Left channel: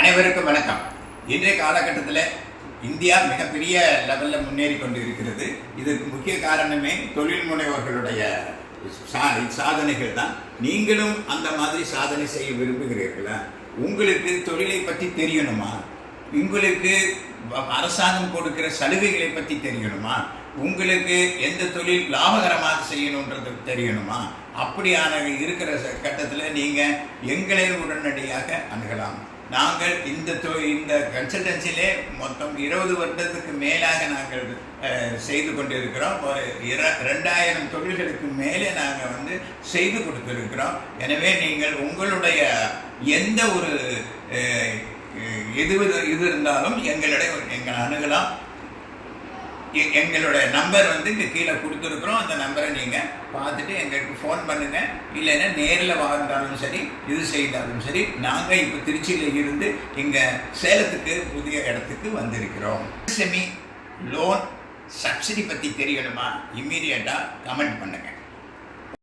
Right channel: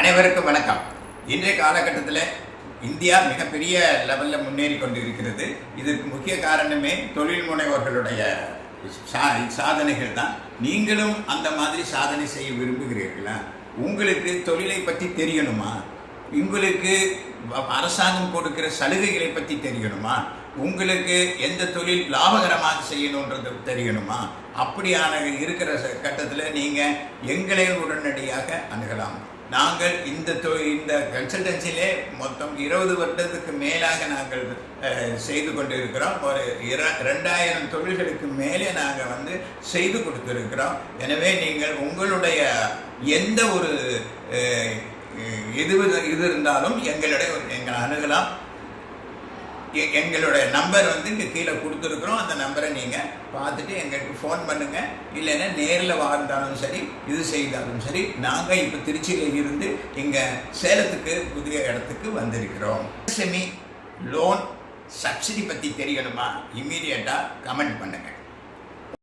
அனைவருக்கும் வணக்கம். இன்றைய காலகட்டத்தில் இந்தியா மிகப்பெரிய லெவலில் முன்னேறி கொண்டிருக்கிறது. இதற்கு முக்கிய காரணமே தொழில் முனைவோர்களுடைய சாதனைகள் தான். நீங்களும் அந்த மாதிரி சாதனை செய்ய விரும்புகிறீர்களா? உங்களுக்கு தொழிலை பற்றி தெரியணுமா? உங்களுக்கு அரசாங்கம் கொடுக்கிற சலுகைகளை பற்றி தெரியணுமா? உங்களுக்கு எந்த தொழில் லாபகரமாக செய்யணுன்றது தெரியணுமா? அப்படியான இருக்கிற கட்டத்தில் நீங்கள் எங்களை உடனடியாக அணுகலாம். நாங்கள் இந்த கன்சல்டன்சிலே மொத்தம் 20 வருடத்துக்கு மேலாக நாங்கள் செய்து கொண்டிருக்கிறோம். ஒரு 2000 தொழில்களுக்கு மேலே நாங்கள் செய்து கொடுத்திருக்கிறோம். எனவே நீங்கள் உங்களுடைய எந்த ஒரு இது இருந்தாலும் எங்களை அணுகலாம். எங்களுடைய நம்பர் இங்கே கீழே கொடுத்துருக்குறோம். அந்த நம்பரை நீங்கள் பார்த்துட்டு எங்களுக்கு ஃபோன் பண்ணுங்கள். இல்லைன்னா நேரில் வாழ்ந்தாலும் சரி, இது செய்தாலும் சரி. நாங்கள் இப்போ திருச்சியில் இருந்து இங்கே சேலத்துக்கு புதிய இடத்துக்கு வந்திருக்கிறோம். செமி லோன் சப்சிடி பற்றி தெரியணுமா? இம்மீடியட்டாக கமெண்ட் பண்ணுங்கள்.